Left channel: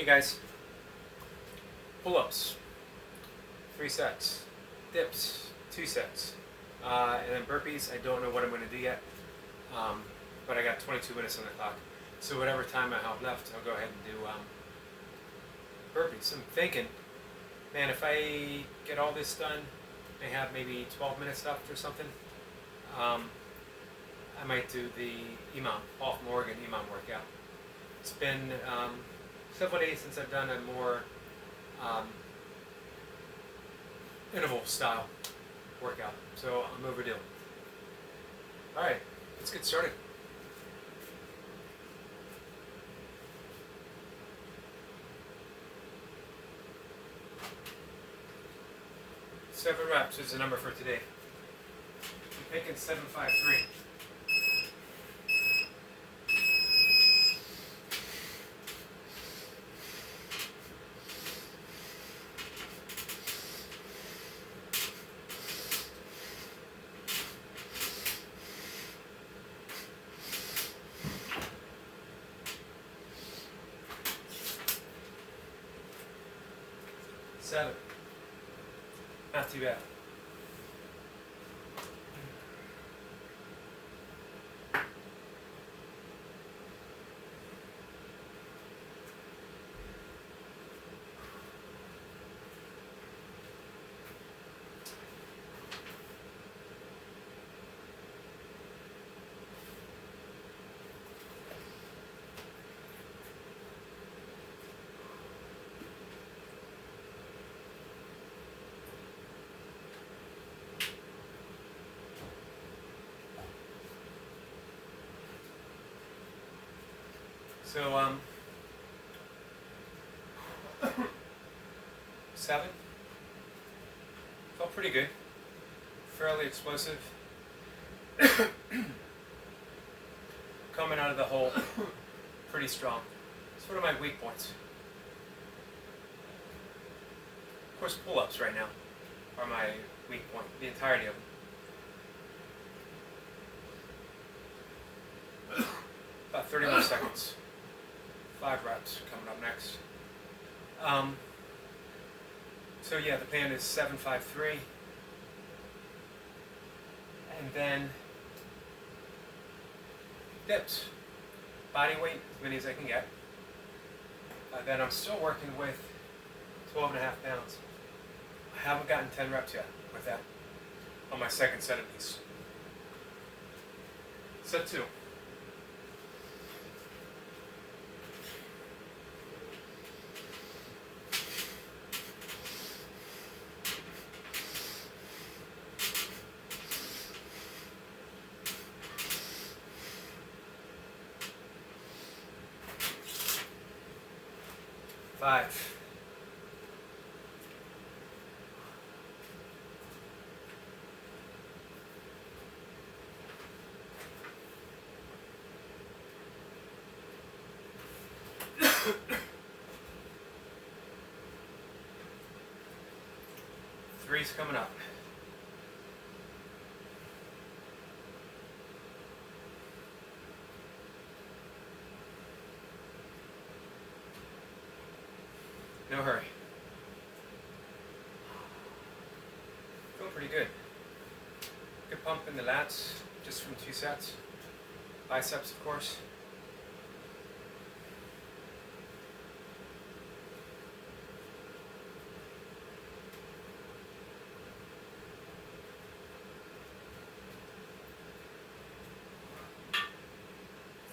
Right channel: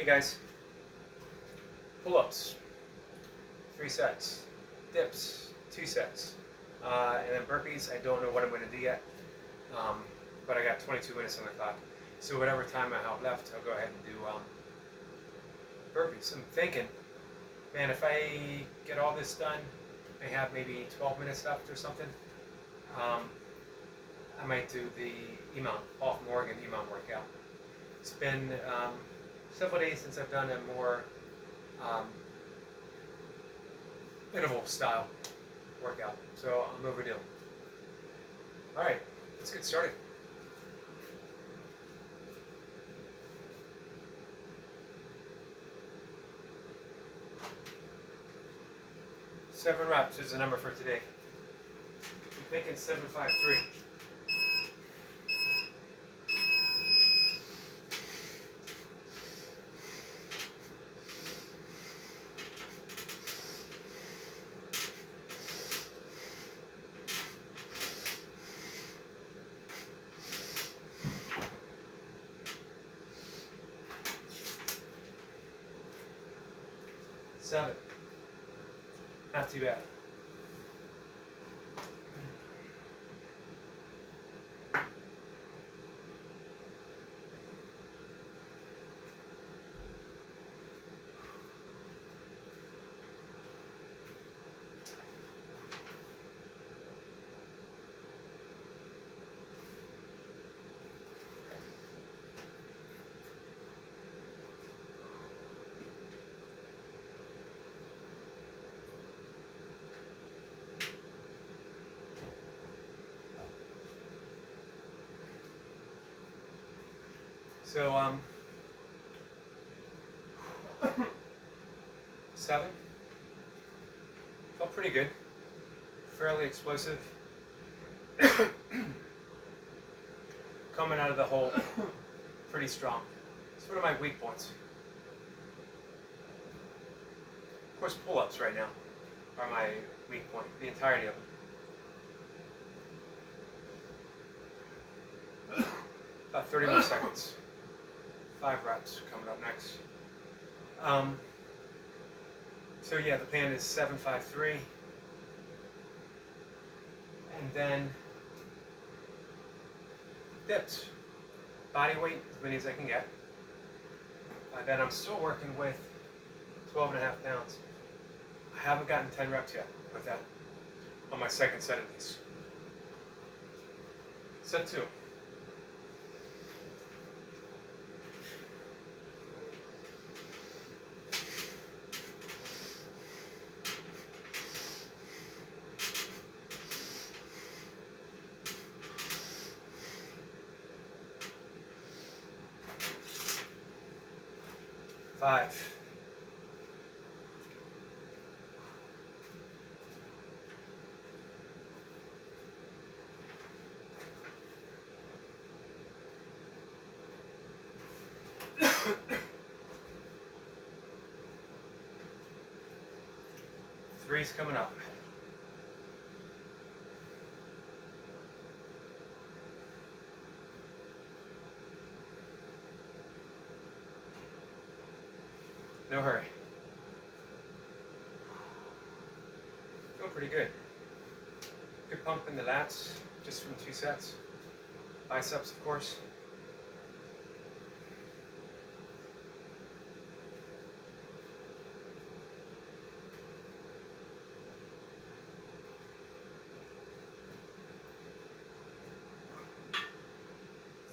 Hey guys, pull-ups, 3 sets, dips, 2 sets, and then burpees. I don't know what I'm going to do yet, but I got 22 minutes on the clock. So whatever time I have left, I'll go ahead and do burpees. I'm thinking, man, if I get all this done, I have maybe 12 minutes left or something, I might do the Paul from Oregon EMOM workout. It's been several days since I've done a more interval style workout, so I'm overdue. Alright, let's get started. Seven reps is the number for today. I'm thinking 753. Seven. Not too bad. So, 7. Felt pretty good. Fairly explosive. Coming out of the hole, pretty strong. It's one of my weak points. Of course, pull-ups right now are my weak point, the entirety of them. About 30 more seconds. 5 reps coming up next. So yeah, the plan is 753, and then dips, body weight as many as I can get. Then I'm still working with 12.5 pounds. I haven't gotten 10 reps yet with that on my second set of these. Set 2. Five. Three's coming up. No hurry. Feeling pretty good. Good pump in the lats, just from 2 sets. Biceps, of course.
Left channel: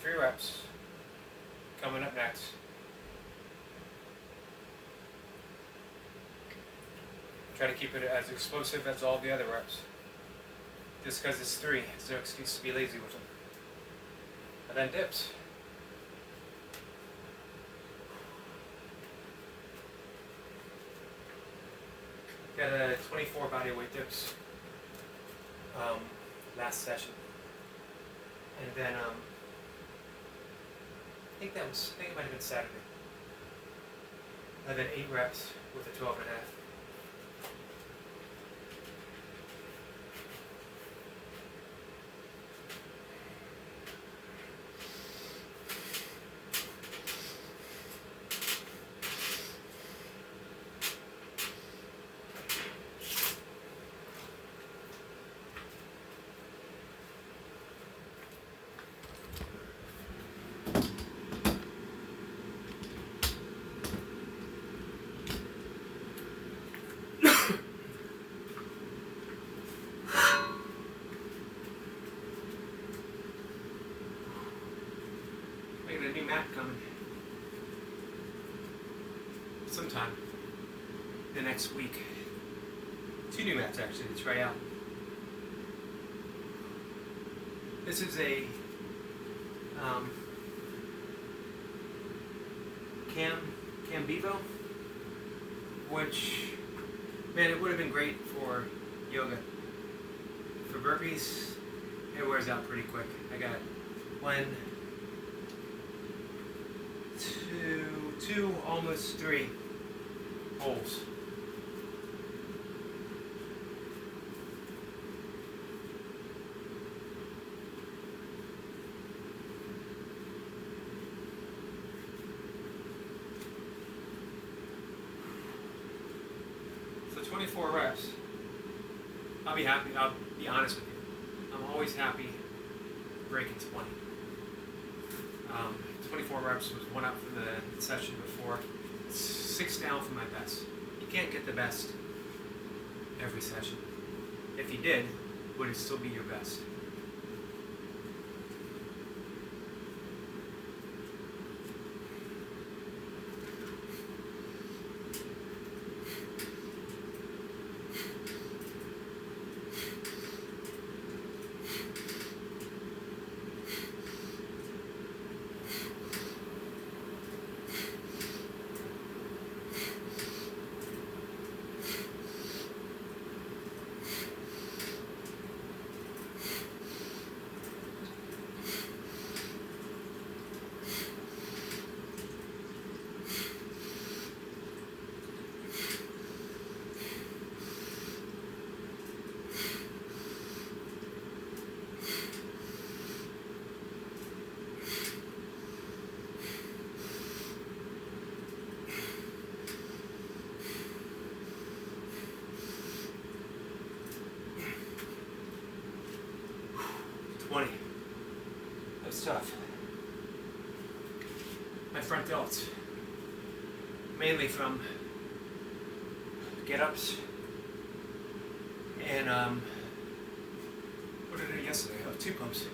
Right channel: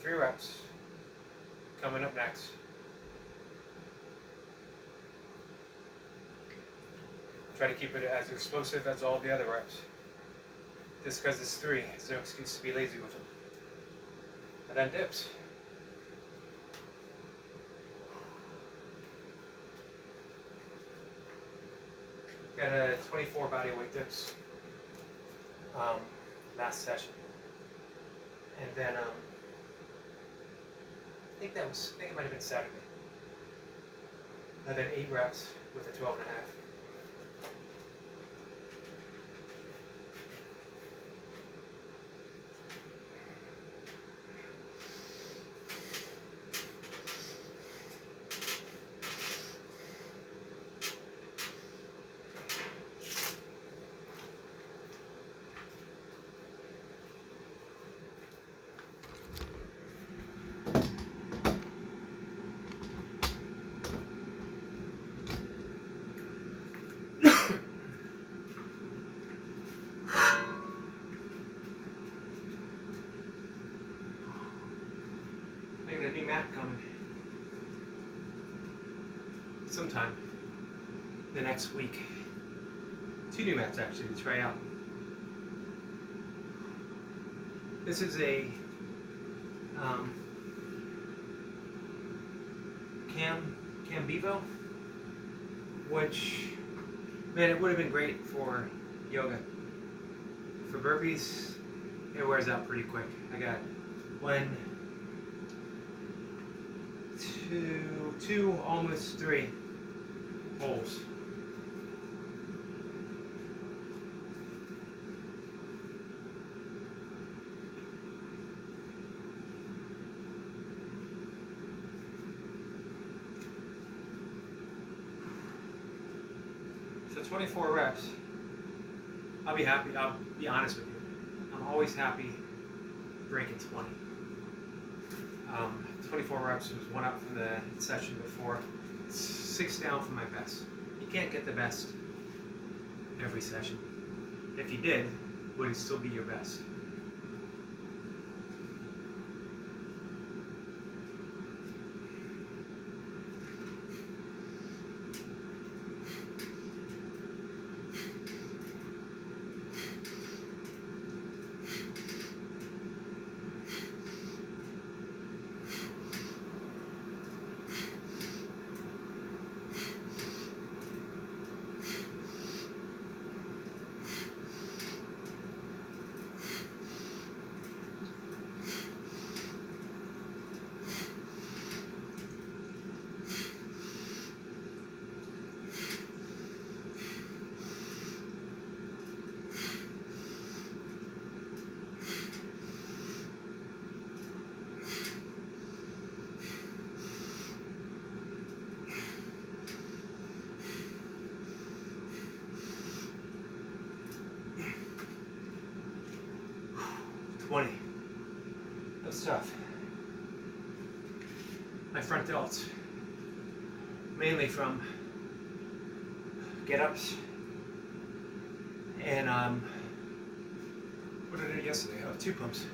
Three reps. Coming up next. Try to keep it as explosive as all the other reps. Just because it's 3, there's no excuse to be lazy with them. And then dips. Got a 24 body weight dips last session. And then I think it might have been Saturday. And then 8 reps with a 12.5. sometime the next week. 2 new mats actually to try out. This is a Cam Bevo, which, man, it would have been great for yoga. For burpees, it wears out pretty quick. I got 1, 2, almost 3 holes. So 24 reps. I'll be happy. I'll be honest with you. I'm always happy breaking 20. 24 reps was 1 up from the session before. 6 down from my best. You can't get the best every session. If you did, would it still be your best? That's tough. My front delts, mainly from get-ups and what did I do yesterday? Oh, 2 pumps.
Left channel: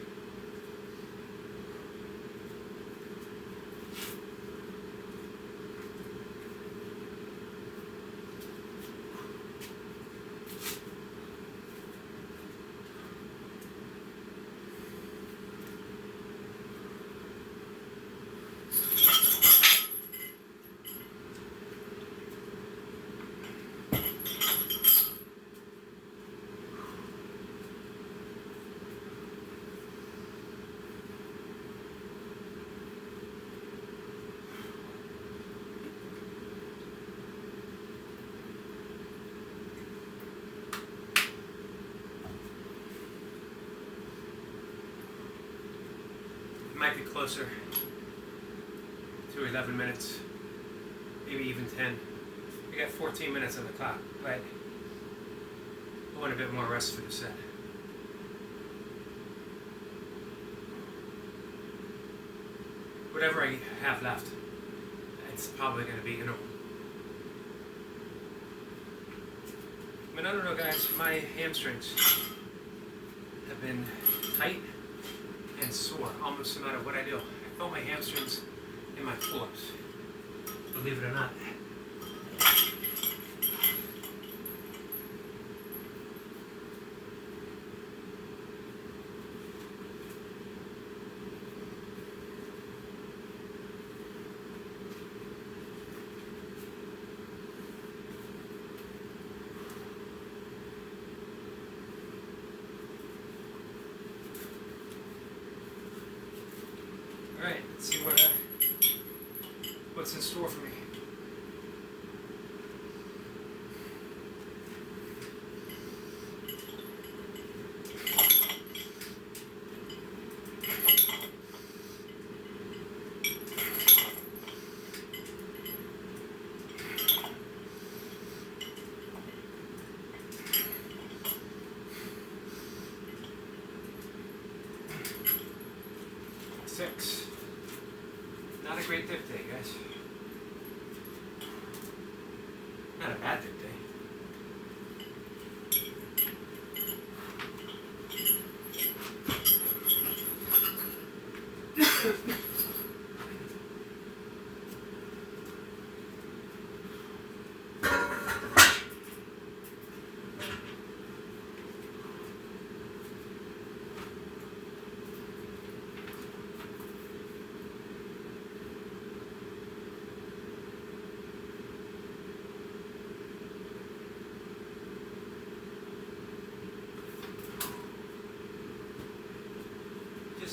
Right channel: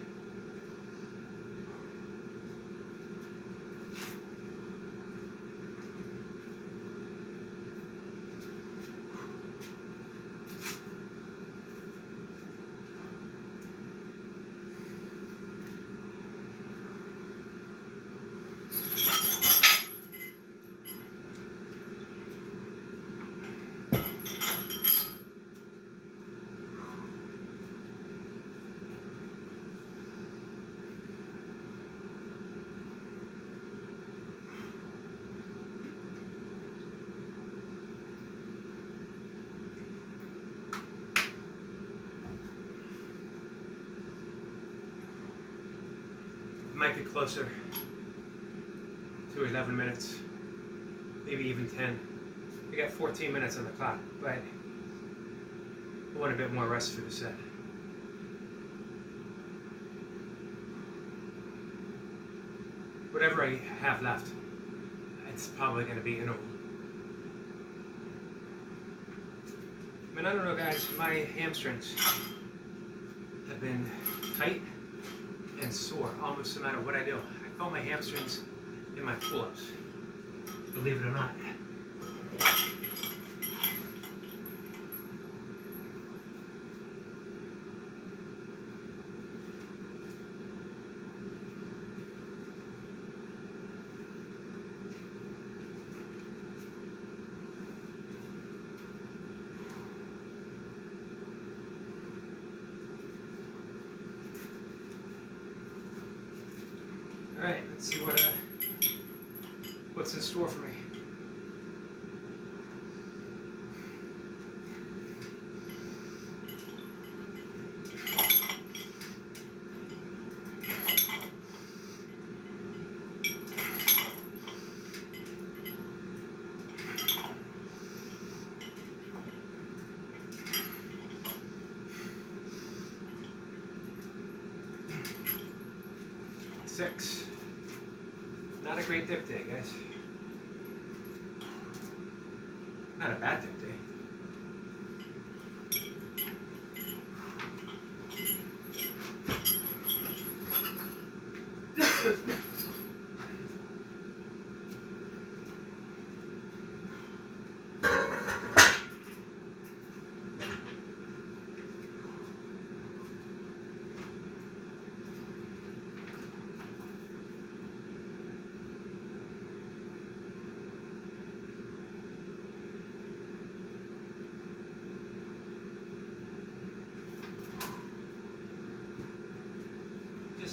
Might be closer to 11 minutes, maybe even 10. I got 14 minutes on the clock, but I want a bit more rest for the set. Whatever I have left, it's probably going to be interval. I mean, I don't know, guys, my hamstrings have been tight and sore almost no matter what I do. I felt my hamstrings in my pull-ups, believe it or not. All right, let's see what's in store for me. Six. Not a great dip day, guys. Not a bad dip day.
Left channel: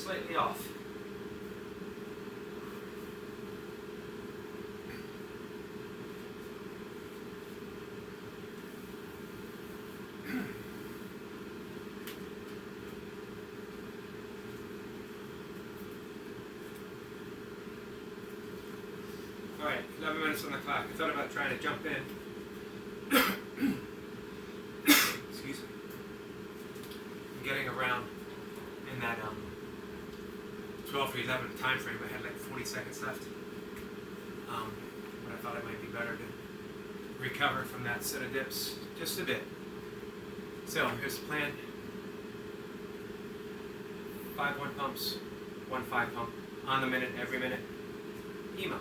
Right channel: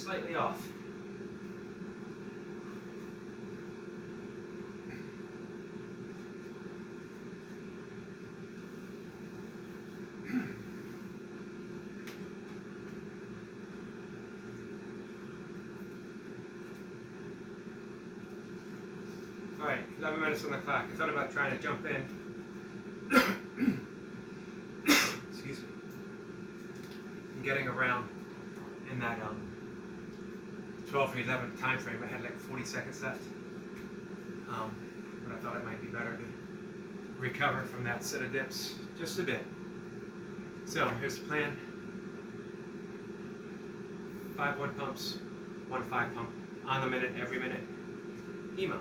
slightly off. Alright, 11 minutes on the clock. I thought about trying to jump in. Excuse me. Getting around in that 12 or 11 time frame. I had like 40 seconds left. But I thought it might be better to recover from that set of dips just a bit. So here's the plan. 5 1 pumps, 1 5 pump on the minute, every minute. Emo.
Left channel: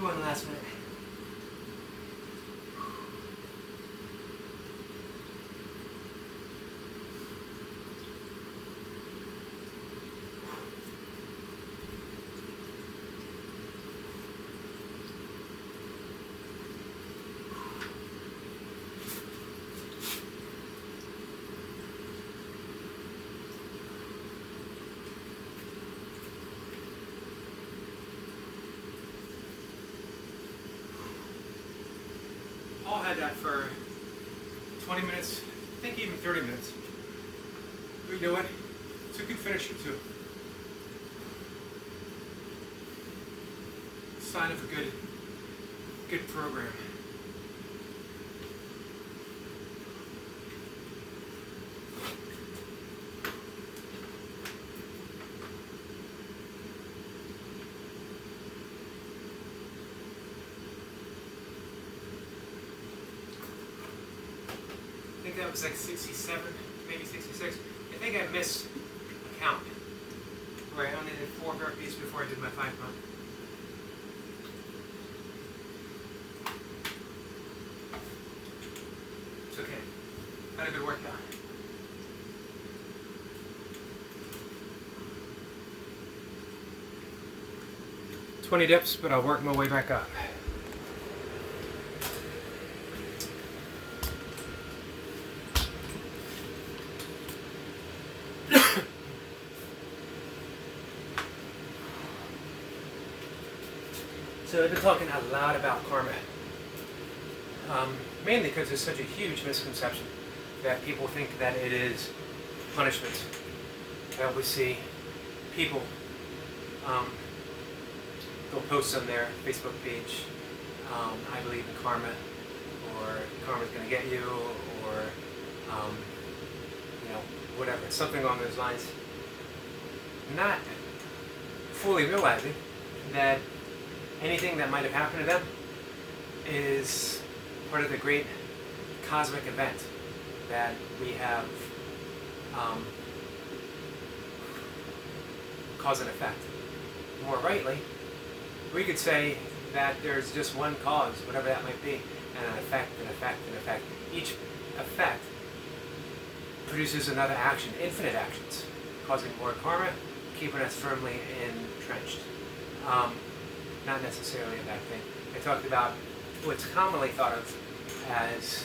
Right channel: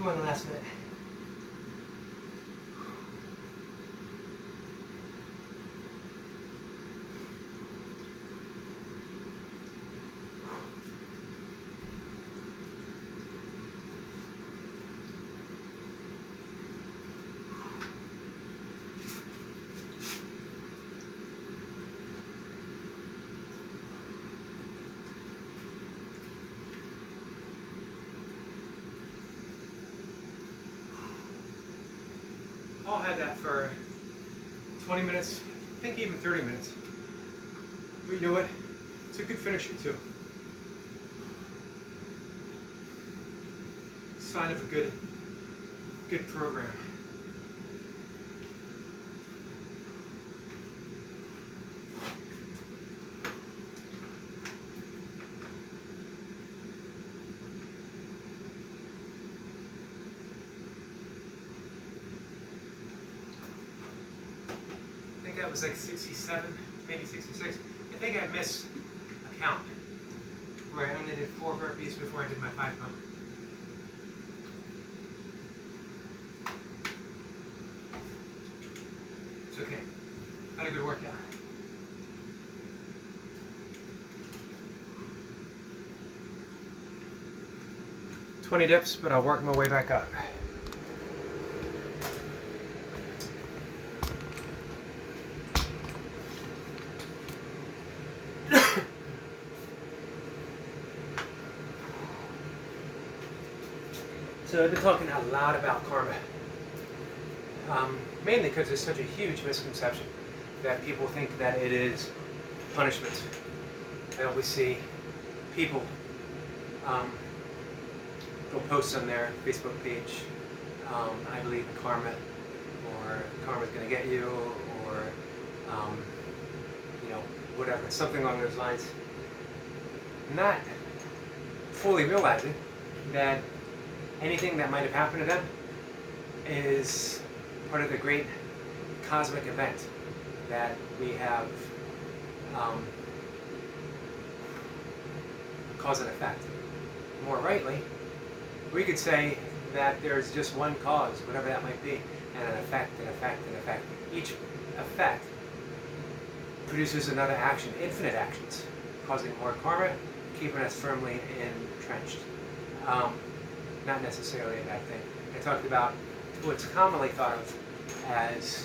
do one last minute. Paul had that for 20 minutes, I think even 30 minutes. But you know what? It's a good finisher too. Sign of a good program. I think that was like 67, maybe 66. I think I missed a count where I only did 4 burpees before I did my 5 pump. It's okay. Had a good workout. $20 dips, but I'll work my way back up. So I've been talking a lot about karma, mainly because there's such a huge misconception that people think that it is punishment. I always see people, they'll post on their Facebook page, I believe in karma, or karma's going to get you, or whatever, something along those lines. Not fully realizing that anything that might have happened to them is part of the great cosmic event that we have, cause and effect. More rightly, we could say that there's just one cause, whatever that might be, and an effect, an effect, an effect. Each effect produces another action, infinite actions, causing more karma, keeping us firmly entrenched. Not necessarily a bad thing. I talked about what's commonly thought of as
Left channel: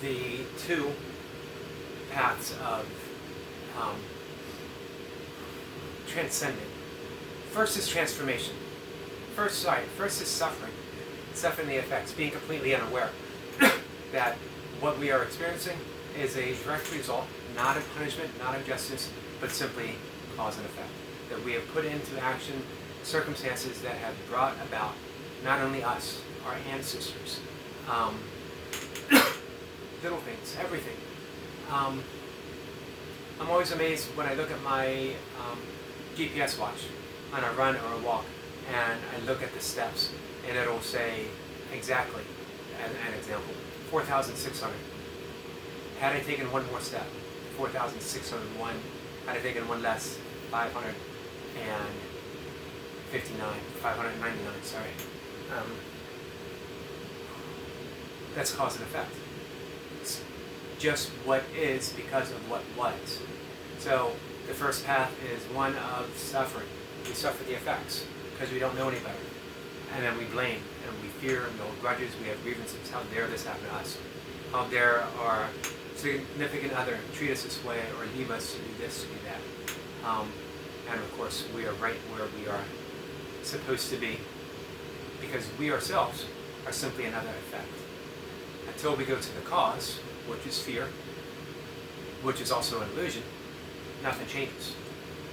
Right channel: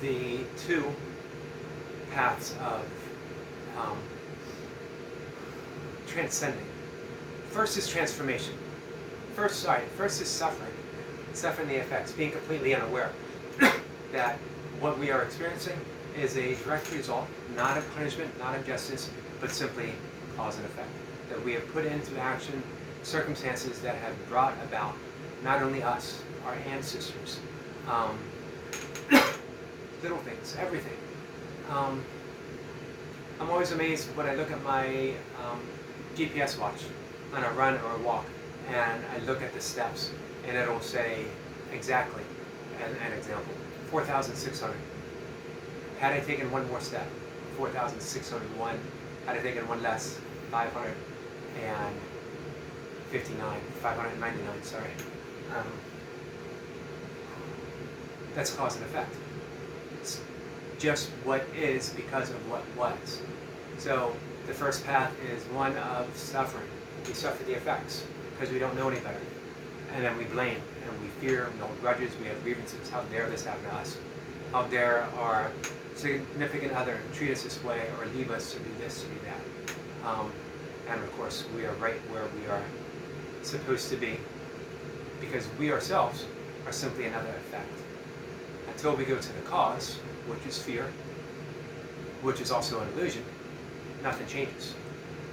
the 2 paths of transcending. First is transformation. First is suffering the effects, being completely unaware that what we are experiencing is a direct result, not of punishment, not of justice, but simply cause and effect. That we have put into action circumstances that have brought about not only us, our ancestors, little things, everything. I'm always amazed when I look at my GPS watch on a run or a walk, and I look at the steps, and it'll say exactly, as an example, 4,600. Had I taken one more step, 4,601. Had I taken one less, 599, sorry. That's cause and effect. It's just what is because of what was. So the first path is one of suffering. We suffer the effects because we don't know any better. And then we blame and we fear, we hold grudges, we have grievances. How dare this happen to us? How dare our significant other treat us this way or leave us to do this, to do that? And of course, we are right where we are supposed to be because we ourselves are simply another effect. Until we go to the cause, which is fear, which is also an illusion, nothing changes.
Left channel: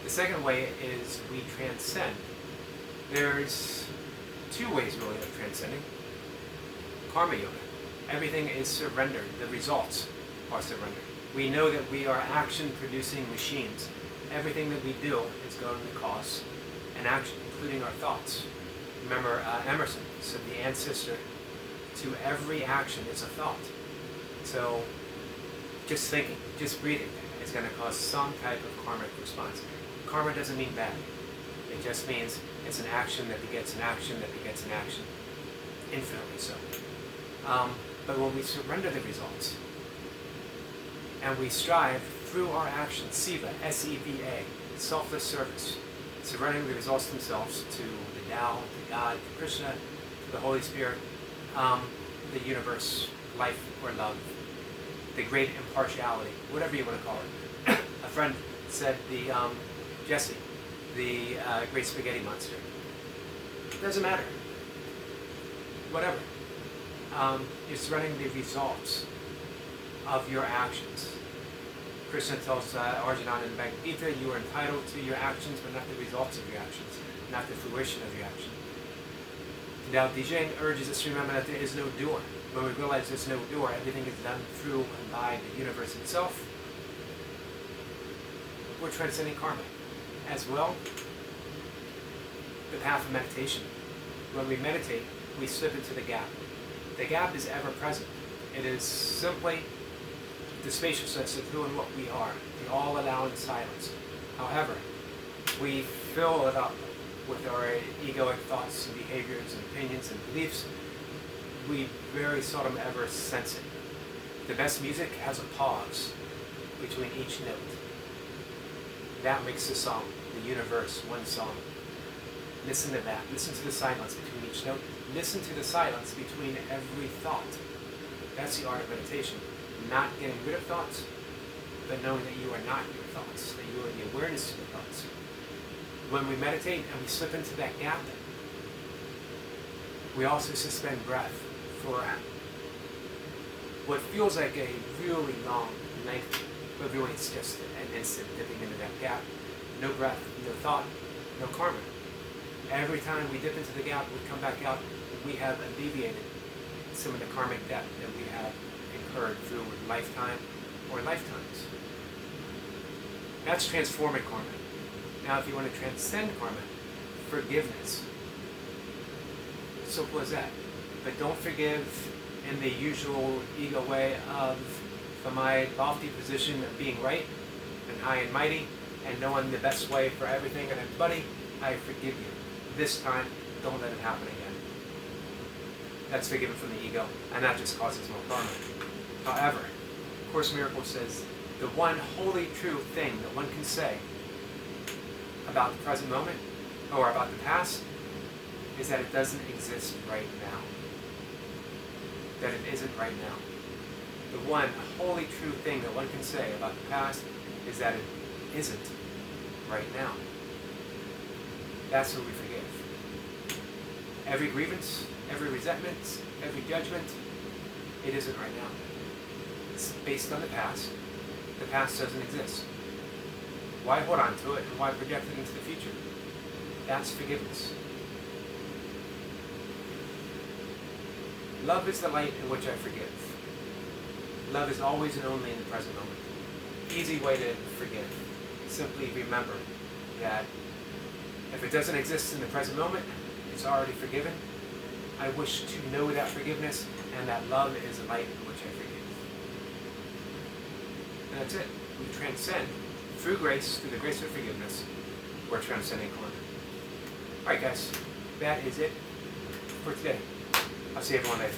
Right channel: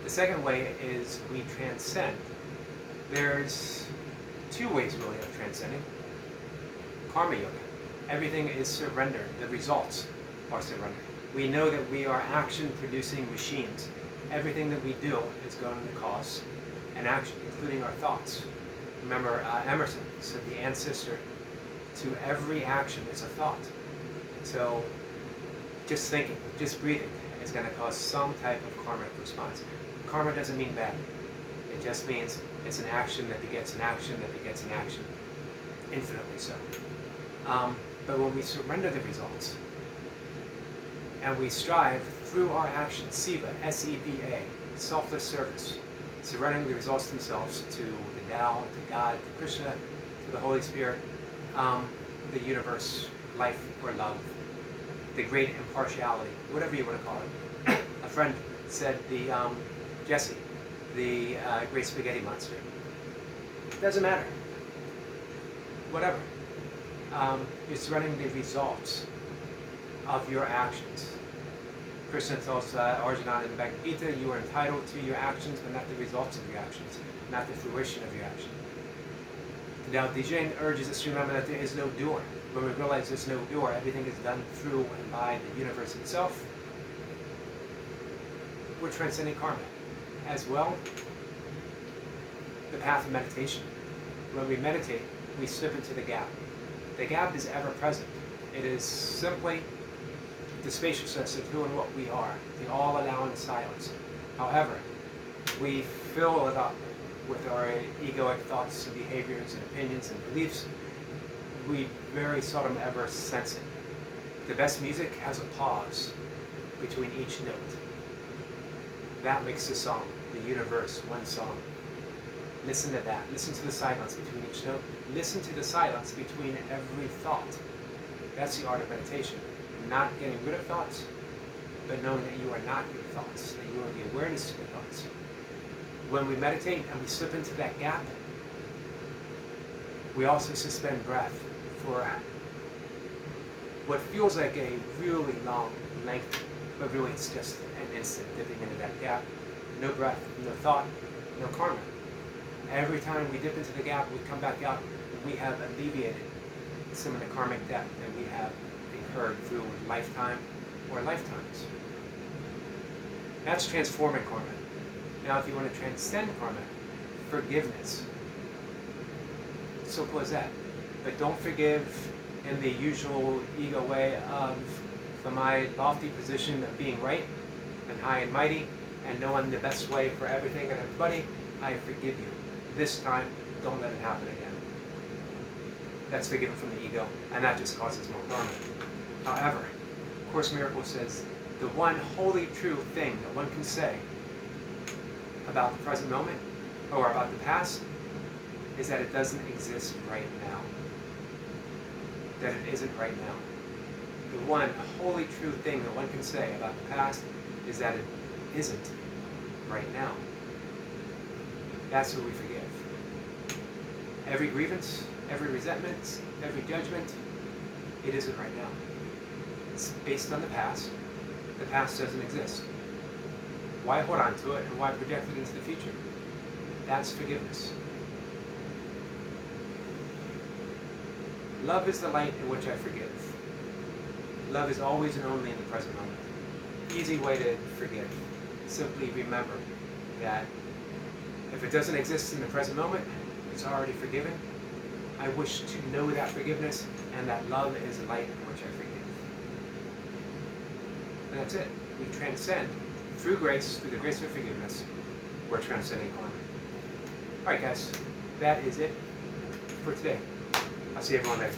The second way is we transcend. There's 2 ways really of transcending. Karma yoga. Everything is surrendered. The results are surrendered. We know that we are action-producing machines. Everything that we do is going to cause an action, including our thoughts. Remember, Emerson said the ancestor to every action is a thought. So just thinking, just breathing is going to cause some type of karmic response. Karma doesn't mean bad. It just means it's an action that begets an action that begets an action. infinitely so. But when we surrender the results, and we strive through our actions, Seva, S-E-V-A, selfless service, surrendering the results themselves to the Tao, to God, to Krishna, to the Holy Spirit, the universe, life or love, the great impartiality, whatever you want to call it. A friend said Jesse, the great spaghetti monster. It doesn't matter. Whatever. You're surrendering the results of your actions. Krishna tells Arjuna in the Bhagavad Gita, you are entitled to your actions, but not the results of your actions, not the fruition of your action. Now, Dijin urges us to remember that there is no doer. When we realize there's no doer, everything is done through and by the universe itself. We're transcending karma. As well, the path of meditation. When we meditate, we slip into the gap. The gap is ever present. It is simply the spaciousness of who and what we are, the all-allowing silence. However, we fill it up with our egoic thoughts and behaviors and opinions and beliefs. We very seldom ever sense it. The best music has a pause between each note. That makes the song, the universe, one song. Listen to that. Listen to the silence between each note. Listen to the silence between every thought. That's the art of meditation. Not getting rid of thoughts, but knowing that you are not your thoughts, that you are the awareness to the thoughts. When we meditate and we slip into that gap, we also suspend breath for what feels like a really long length, but really it's just an instant dipping into that gap. No breath, no thought, no karma. Every time we dip into the gap, we come back out, we have alleviated some of the karmic debt that we have incurred through a lifetime or lifetimes. That's transforming karma. Now, if you want to transcend karma, forgiveness. Simple as that. But don't forgive in the usual ego way of, from my lofty position of being right and high and mighty and knowing the best way for everything and everybody, I forgive you. This time, don't let it happen again. That's forgiven from the ego, and that just causes more karma. However, Course in Miracles says, the one wholly true thing that one can say about the present moment, or about the past, is that it doesn't exist right now. That it isn't right now. The one wholly true thing that one can say about the past is that it isn't right now. That's what we forgive. Every grievance, every resentment, every judgment, it isn't right now. It's based on the past. The past doesn't exist. Why hold on to it and why project it into the future? That's forgiveness. Love is the light in which I forgive. Love is always and only in the present moment. Easy way to forgive. Simply remember that if it doesn't exist in the present moment, it's already forgiven. I wish to know that forgiveness, and that love is the light in which I forgive. And that's it. We transcend through grace, through the grace of forgiveness. We're transcending karma. All right, guys, that is it for today. I'll see everyone later.